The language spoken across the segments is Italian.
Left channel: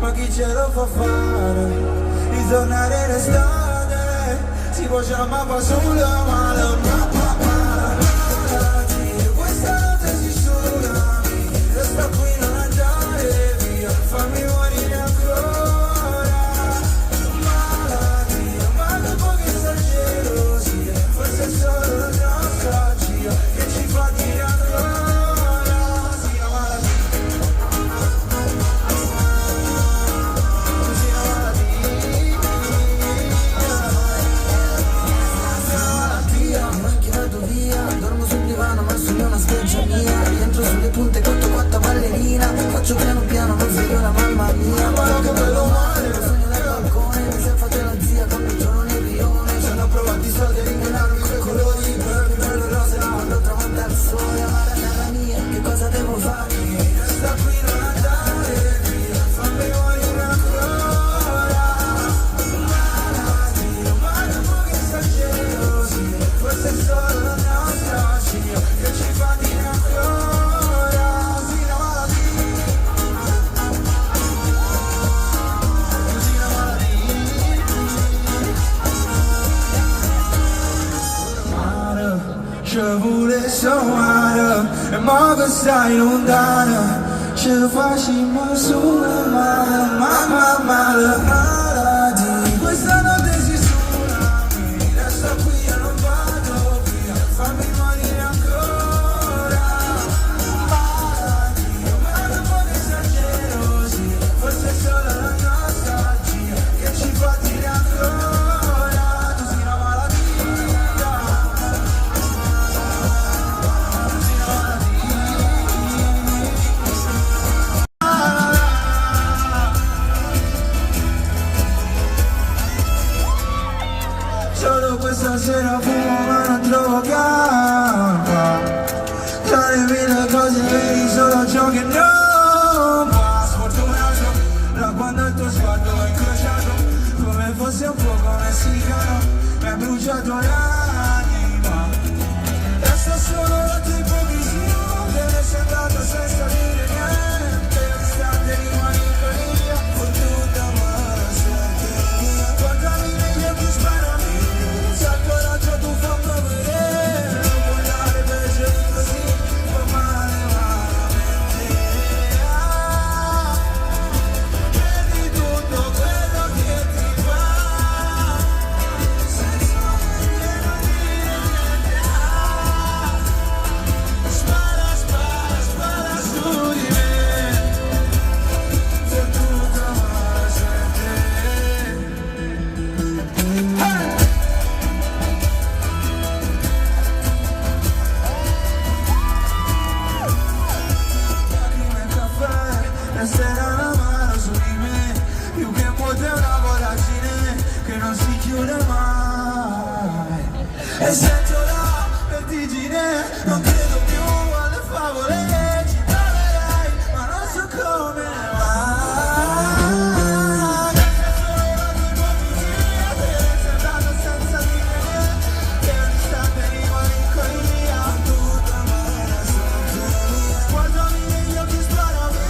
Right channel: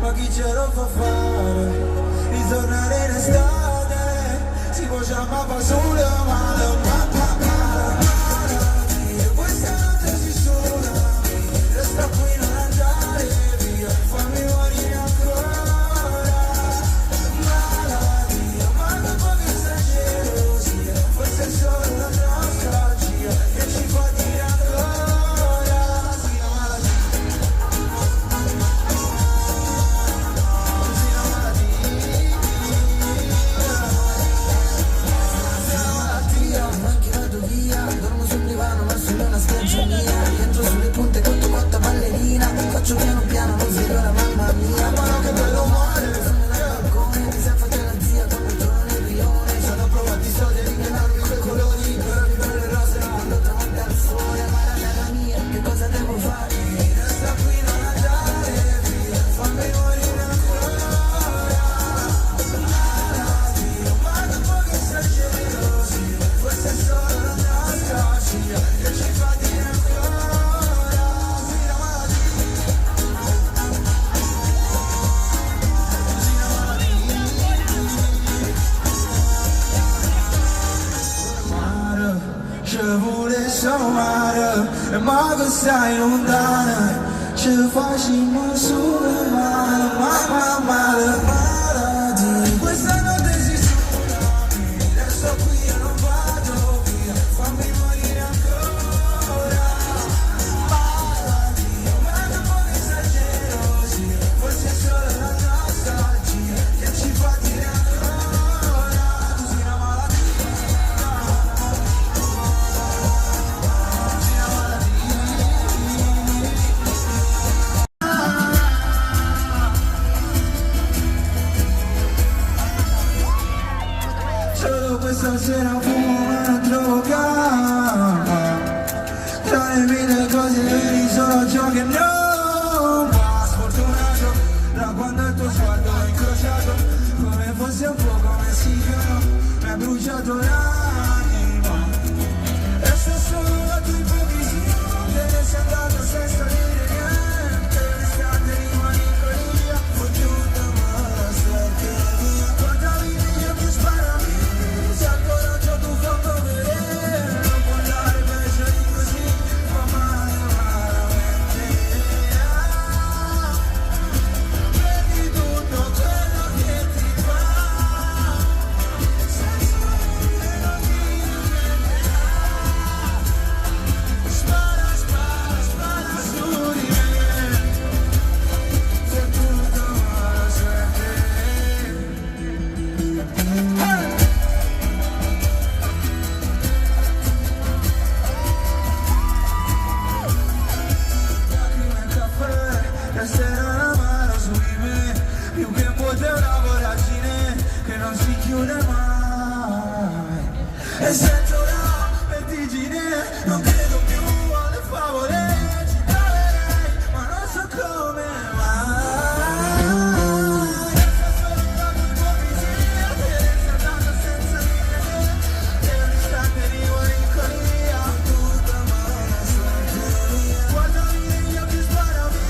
Ma chi ce lo fa fare? Ritornare in estate, si può chiamare solo male. Questa notte si tsunami, resta qui non andare via, fammi morire ancora. Malattia, ma dopo che esagero sia, forse è solo la nostalgia che ci fa dire ancora. Sì, la malattia. Dormo sul divano ma sulla una spiaggia mia. Rientro sulle punte cotto quatta ballerina. Faccio piano piano non sveglio la mamma mia. Ma che bello male, sogno dal balcone. Mi sei fatta la zia con un giorno nel rione. Ci hanno provato i soldi a rinvenarmi quei colori. Però mi prende rosa quando tramonta il sole. Amara cara mia, che cosa devo fare? Resta qui non andare via, fammi morire ancora. Malattia, ma dopo che esagero sia, forse è solo la nostalgia che ci fa dire ancora. Sì, la malattia. Sì, la malattia. Mare, ci vuole sommare, e mo che stai lontana, ce lo facciamo solo male, male, malattia. Questa notte si tsunami, resto qui e non vado via, fammi morire ancora. Malattia, ma dopo che esagero sia, forse è solo la nostalgia che ci fa dire ancora. Tu sei una malattia. Solo questa sera fumo ma non trovo calma. Tra le mille cose vedi solo ciò che non va. Sfortunato da quando il tuo sguardo è incrociato, come fosse un fuoco messicano, mi ha bruciato l'anima. Resta solo la tua ipocrisia, te ne sei andato senza dire niente. Distante rimani in colina, fottuta ma la sente mia. Guardami negli occhi, sparami. Se al coraggio tu fa vedere, non puoi dare peggio di così, fa male malamente. Prendi tutto quello che ti va, senza dire non dire niente. Spara, spara, spara su di me, fottuta ma la sente. La sera la mano su di me, più che un vuoto è una voragine che non si chiude mai. E sento la vertigine, non credo più alle favole, ci troverai, ma non so come mai. Questa è solo la tua ipocrisia, te ne sei andato senza dire niente. Per un istante rimani in colina, tutta male sente mia. Guardami negli occhi, sparami.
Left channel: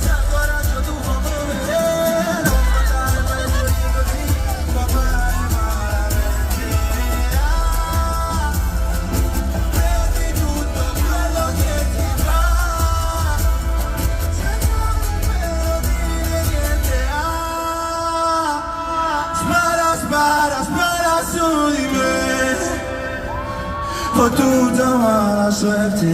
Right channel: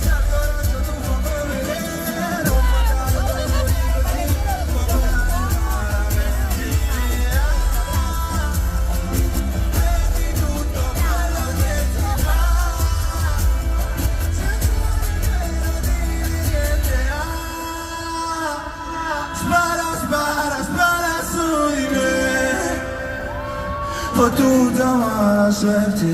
Se al coraggio tu fa vedere, non puoi dare peggio di così, fa male malamente. Prendi tutto quello che ti va, senza nemmeno dire niente. Spara, spara, spara su di me, fottuta mala suerte.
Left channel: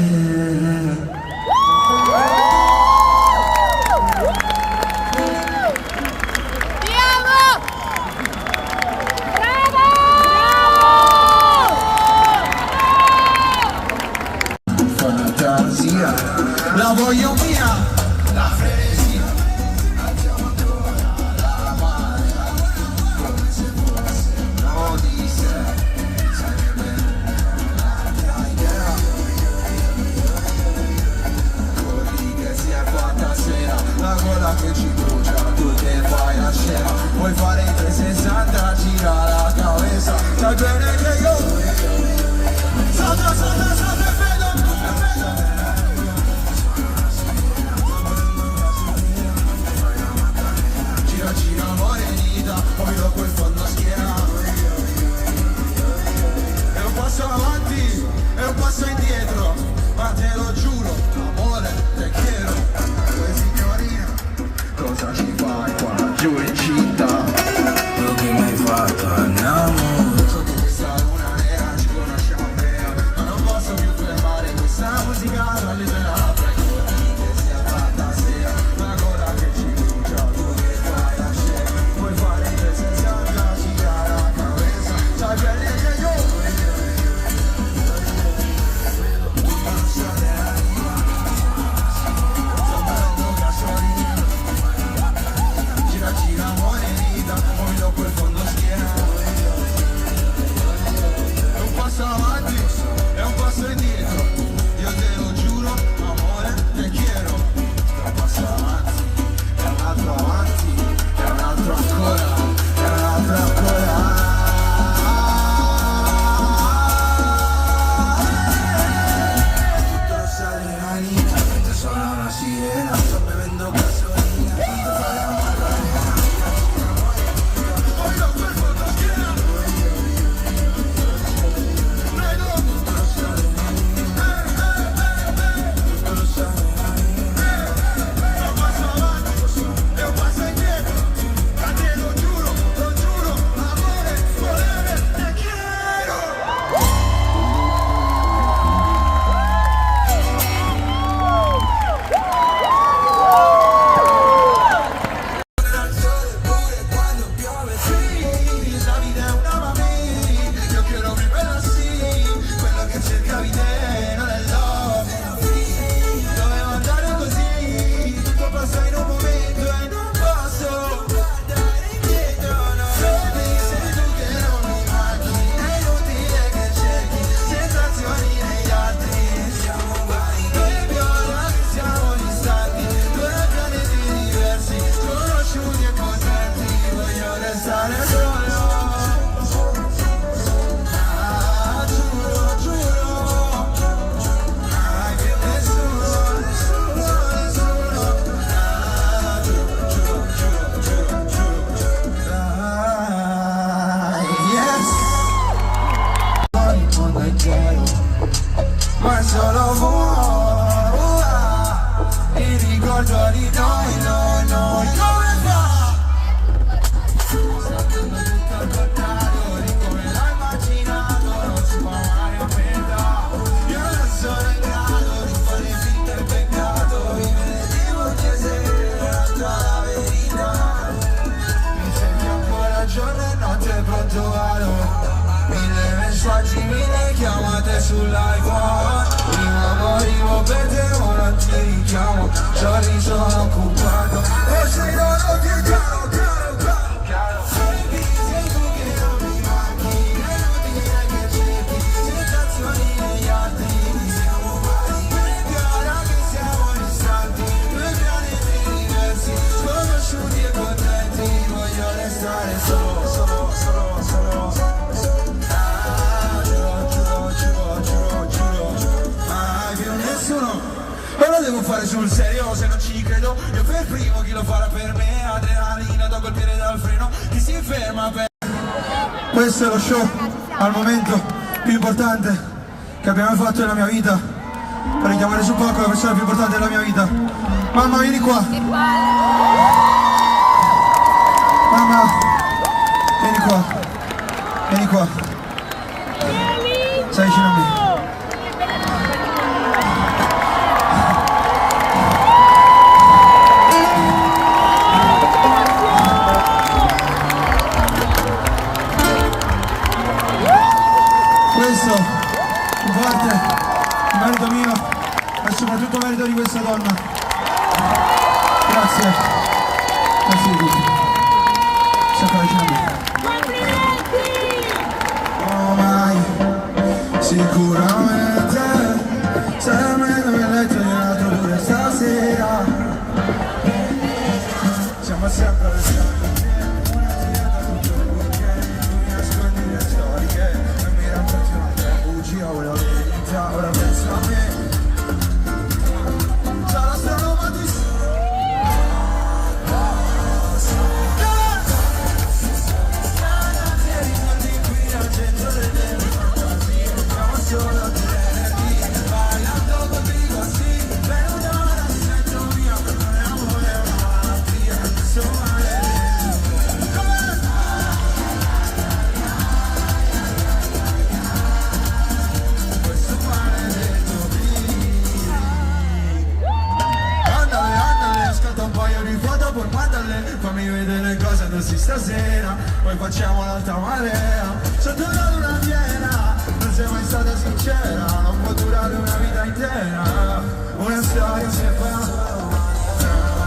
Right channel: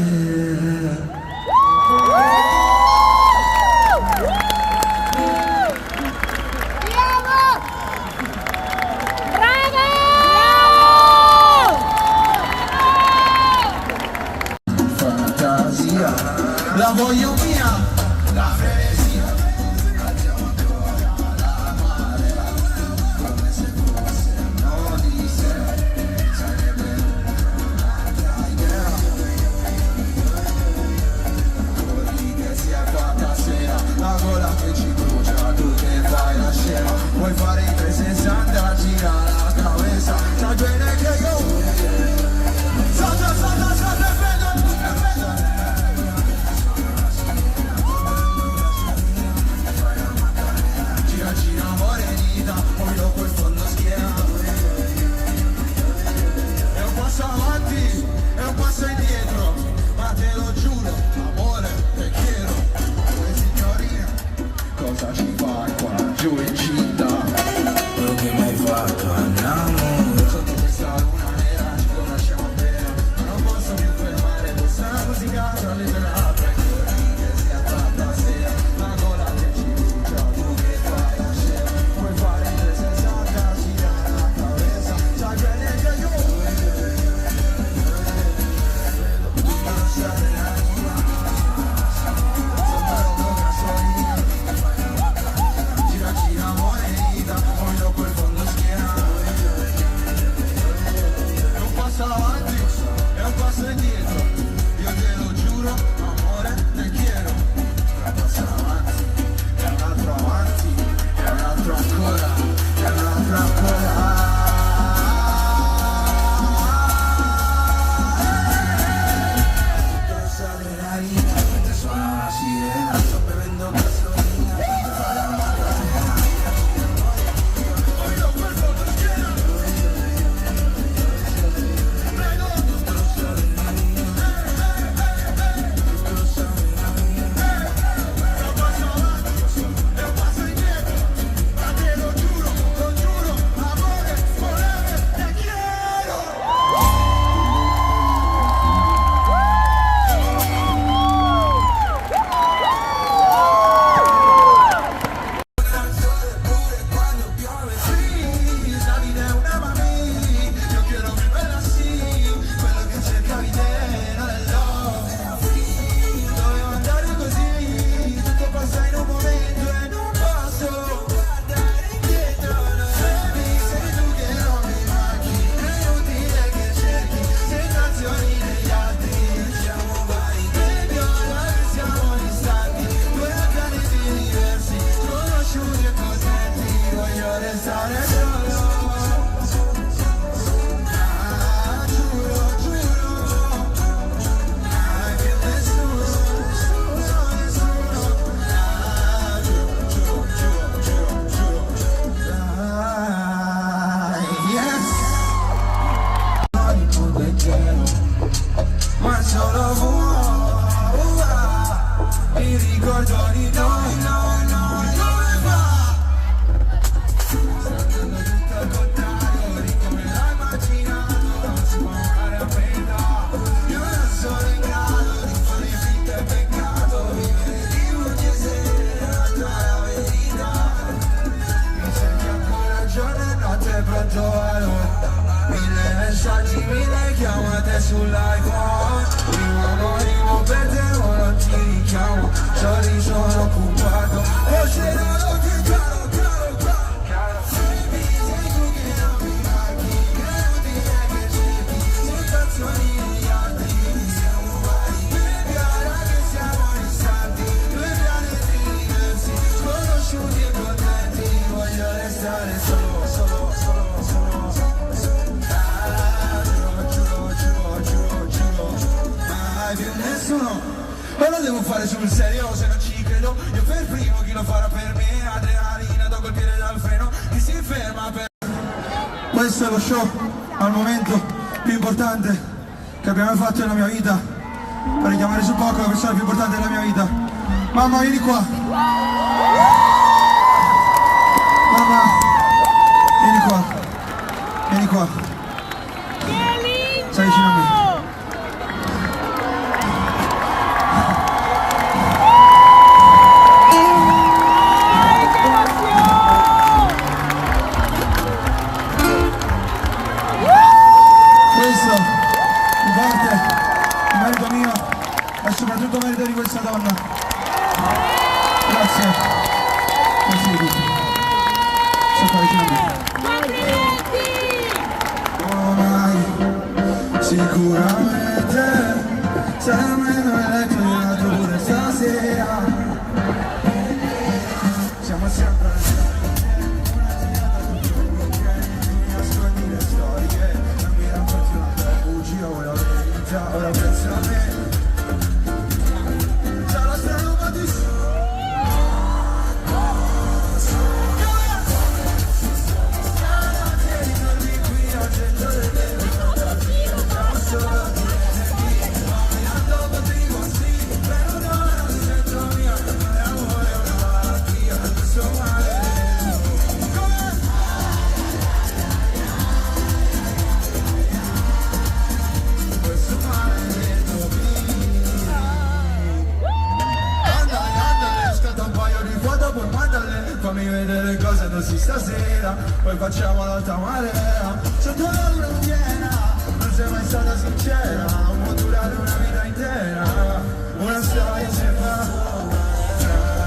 Fantasia, la voglio mia, la frenesia. Andiamo ancora alla mare, come se fosse un'odissea. Sarebbe un'altra idea. Quelli che sia qua sera, la gola che ci brucia, tu che fai la scema. Vuoi fare il 360, gira la cabeza. Sai bene che io salta, salta, salta, vedo. sull'iPhone. Prima morivo per te, ora ti richiamo. Già sono occupato, forse non ho più caro. Baby, sei tu che non mi manchi, che non ti è che cerchi sensazioni negli altri. Siamo vari, cara che siamo distanti, due pianeti diversi, sconosciuti e contenti. Voglio restare solo. Non lo devo fare sul serio se non ci credo. Io per primo, chi lo farà per me? Adrenalina da colpire dal freno, chi si ferma per... Questo è lo show al momento più importante che abbiamo fatto nella mia vita. Vorrei chiamare su poco la persona più importante della mia vita. Mamma, vieni qua. Mamma, vieni qua. Vieni qua. Stai vicino a me. Questo in parte merito mio e soprattutto merito di questa donna. Grazie. Grazie di tutto. Sei qua vicino a me. Oh mai, sicuramente sei a me dove letto nella pure stasera. Siamo sempre restati. Ora verità, ora penso a me. Già la strada ma ti ricordi qui al centro delle fantasi. Siamo solo a te, bailando contigo así. Pero no sento mio, amore è una malattia. Insomma fammi vedere cosa indossi stasera, poi facciamo l'alta marea. Sotto la luna piena, non sei mai stata sincera, non può durare una vita intera. Una storia si fa,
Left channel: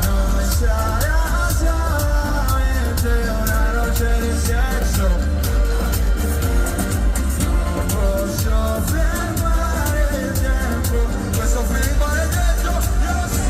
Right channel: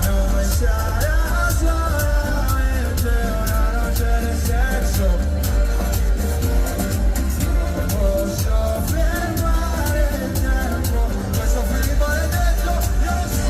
devo pensare a solamente una luce del senso. Non posso fermare il tempo, questo film è detto, io lo so.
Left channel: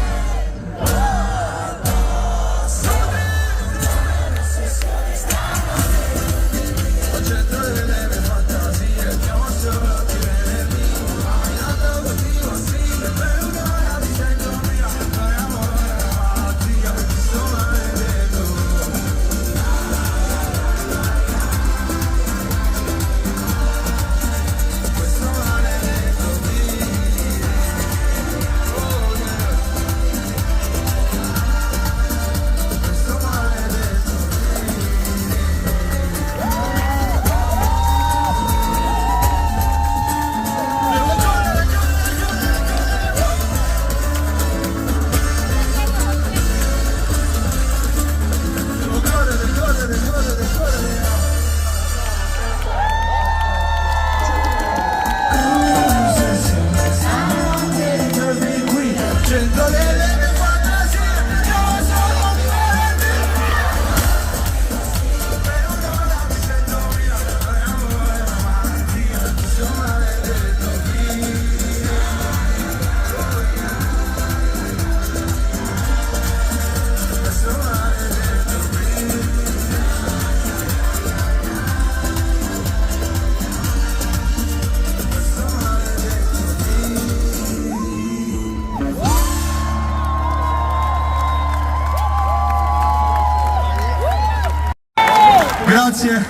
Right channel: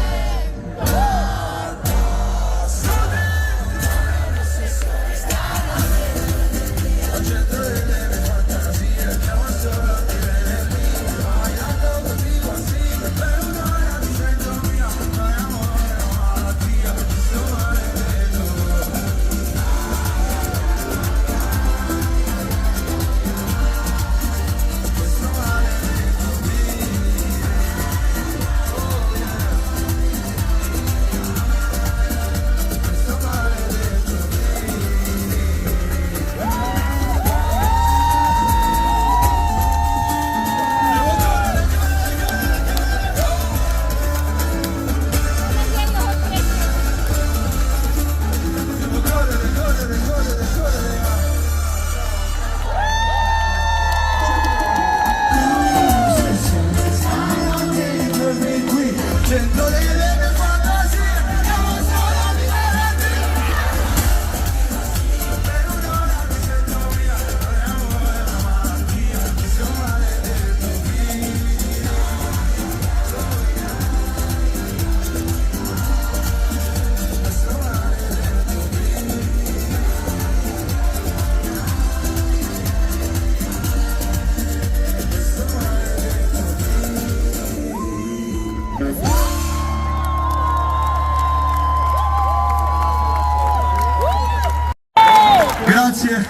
Grazie,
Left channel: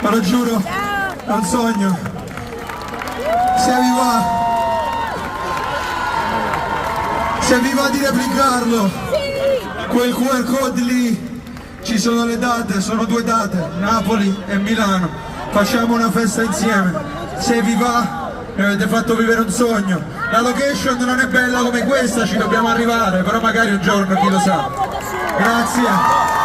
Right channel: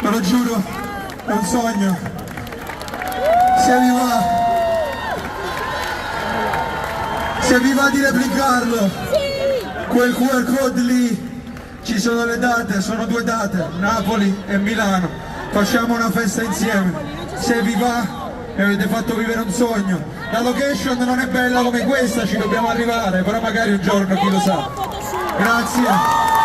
ve lo giuro, è un sogno. Se vi va di replicarlo, quel QR code lì, ci sono le date, sono 2 date, Napoli e Milano. Facciamo una festa insieme. Se vi va, mi avete fatto vivere un sogno. La location non è bella come questa, ci dobbiamo arrivare, però magari un giorno, chi lo sa. Grazie.